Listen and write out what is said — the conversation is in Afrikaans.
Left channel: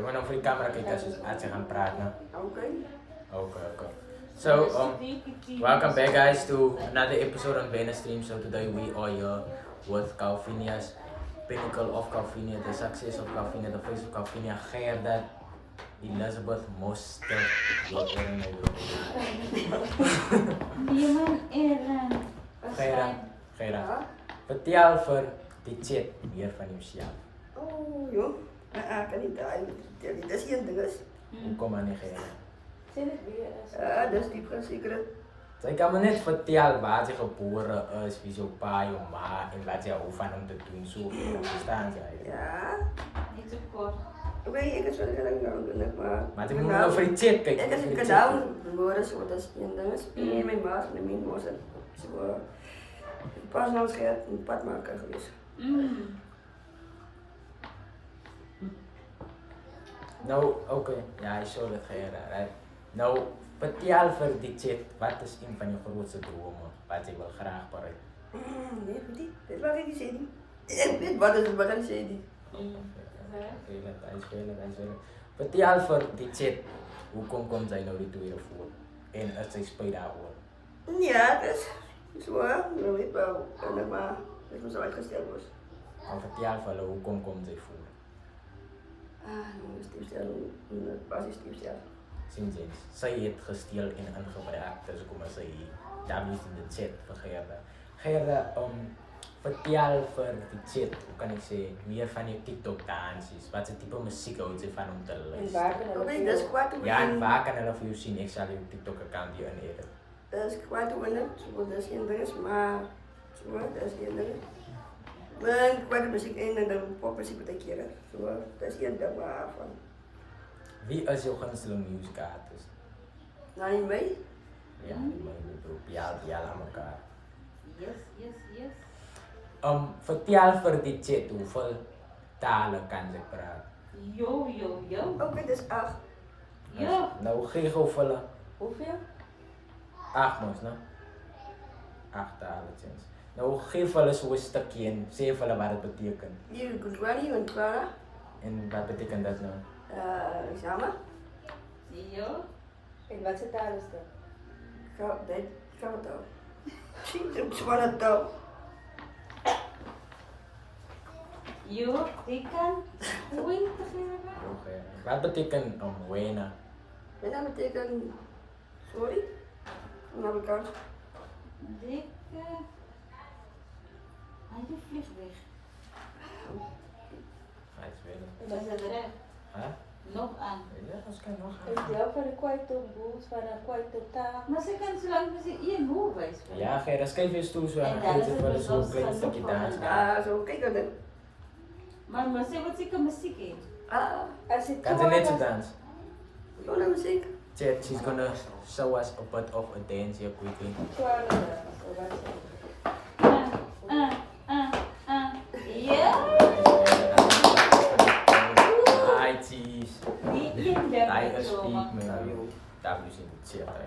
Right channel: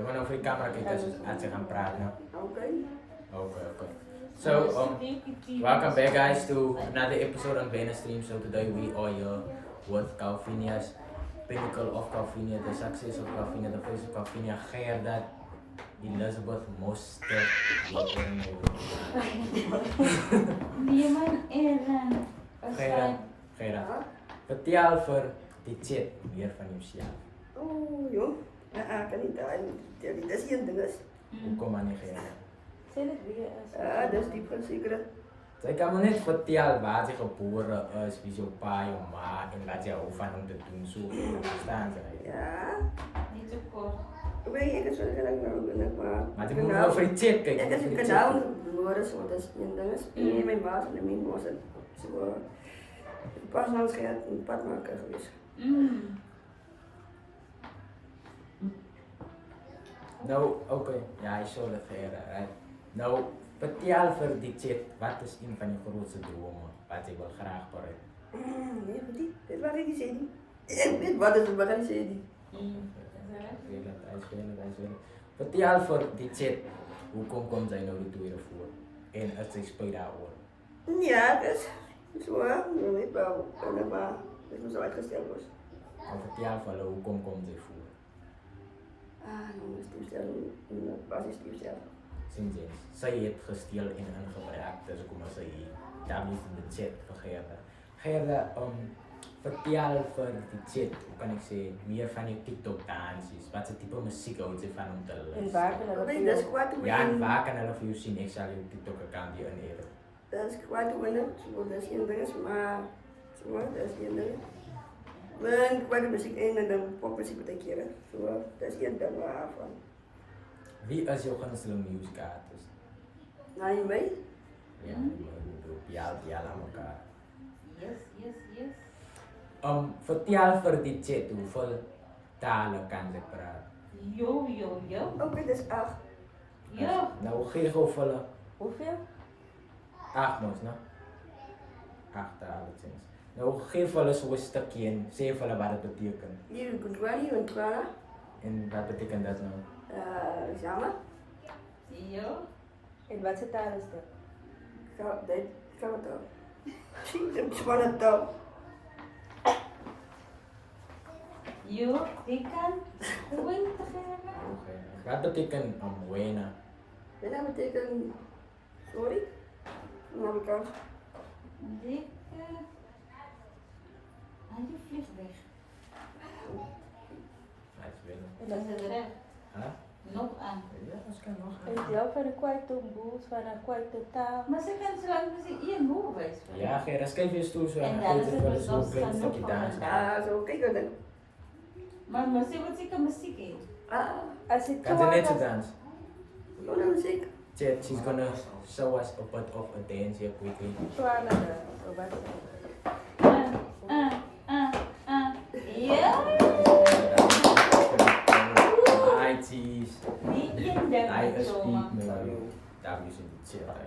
Zullen we nou voor die camera kijken als ze gaan praten? Okay. Okay. So, welcome back guys to another episode on Venus Stream. So today we are here with Calvinia's Pinnacle of Calvinia, the success of Calvinia, the face of Calvinia, Gerda Elizabeth Moster. Gerda, vertel vir die chat meer van jouself. Oh, joh. Kan niet daar. Dat is geen ding is. Hoekom aan die Gerda? Dat is diep secret. Sy kan me net vertel waar sy gebore is, wie jou pa, jou ma en wat jy hou van om te doen. So, verstaan sy? Ja. Niet zo kort. Oké, ik is wel heel lang nodig, maar... Maar jy moet nou vir die chat kyk. Ik is een kanaal geboren, so dat is een ding is. En mijn maas en mijn moes en zo. Pas nou eens gehad een padmaker geweest. Nou, okay. Ja, hy sou dit Gerda, right? Nou, vertel vir die chat, wat is een van jou grootste drome wat jy wil graag bereik? Nee, weet wat ik zei. Ik weet wat is het, wat ik zei. Hy speel. Vertel vir die chat, hoekom kom sy nou die tweede voor? En is sy spyt daaroor? Ja, dat is zo, je weet wel, maar het moet zo uitgesteld worden. Maar vertel vir hulle, hoekom kom sy voor? Een basisstiefstel. Sien jy, sy het gesteel en ingebruik, dus kom sy daarmee in die chat vir Gerda. Gerda, vertel vir die chat, hoe kan ek sê, meer van jou TikTok dansies, wat se tipe musiek hou jy van om te luister? Oké, dat is kwaad hoe Ja, en waar kan hulle vir jou sien? Ek sal jou TikTok account hier inedit. dat is kwaad hoe dat is geen ding is, maar zo, dat is geen ding. Maar kwaad muziek in en dan popmuziek wat ik keer. Zo, dat is geen ding waarvan. Wie is jou gunsteling music artist? Nou, niet mee? Ja, die my groep, ja aan mekaar. Yes. Vertel vir die chat, hoeveel tale kan jy praat? Yo. Oké, dat is 8. Yo. Nou gee gou vir hulle Hoeveel? 8 mos, né? 8 tale tens. Nou gee vir hulle so 'n stukkie en sê vir hulle wat dit beteken. Hier, Gudwani en Twara. En wat beteken dit nou? Samen. Yo. En wat se taal is dit? Gaan we toch. Zie je, zwaar het toch. Yo. Ik kan. Hoe je te zeggen? Okay. Wat beteken wena? En dat betekent, sorry, dan heb ik al. Ik. Hij vliegt weg. Hij is wel. Dat is het recht. Hè? Nog aan. Ja, dat kan nog Ik gaan. geloof dat ik kwijt op boos, maar dan kwijt op taal. Maar ze kan zo lang als je hoe wijs. Ja, Gerda, skryf weer toe so En en dan gee is dit het vir hulle so 'n bezorgd klein van stukkie nog dans. van Ja, zo, kijk dan. Maar ze wat zeker muziek in. Als je Kan sy net so dans? Gewoon naar muziek. Chat, she's gonna show us a bit of a dance here quickly. Ja. Hi, cheese. Die in de Hy is zomer. piek, man. Daar moet jy sien, dit sê hy.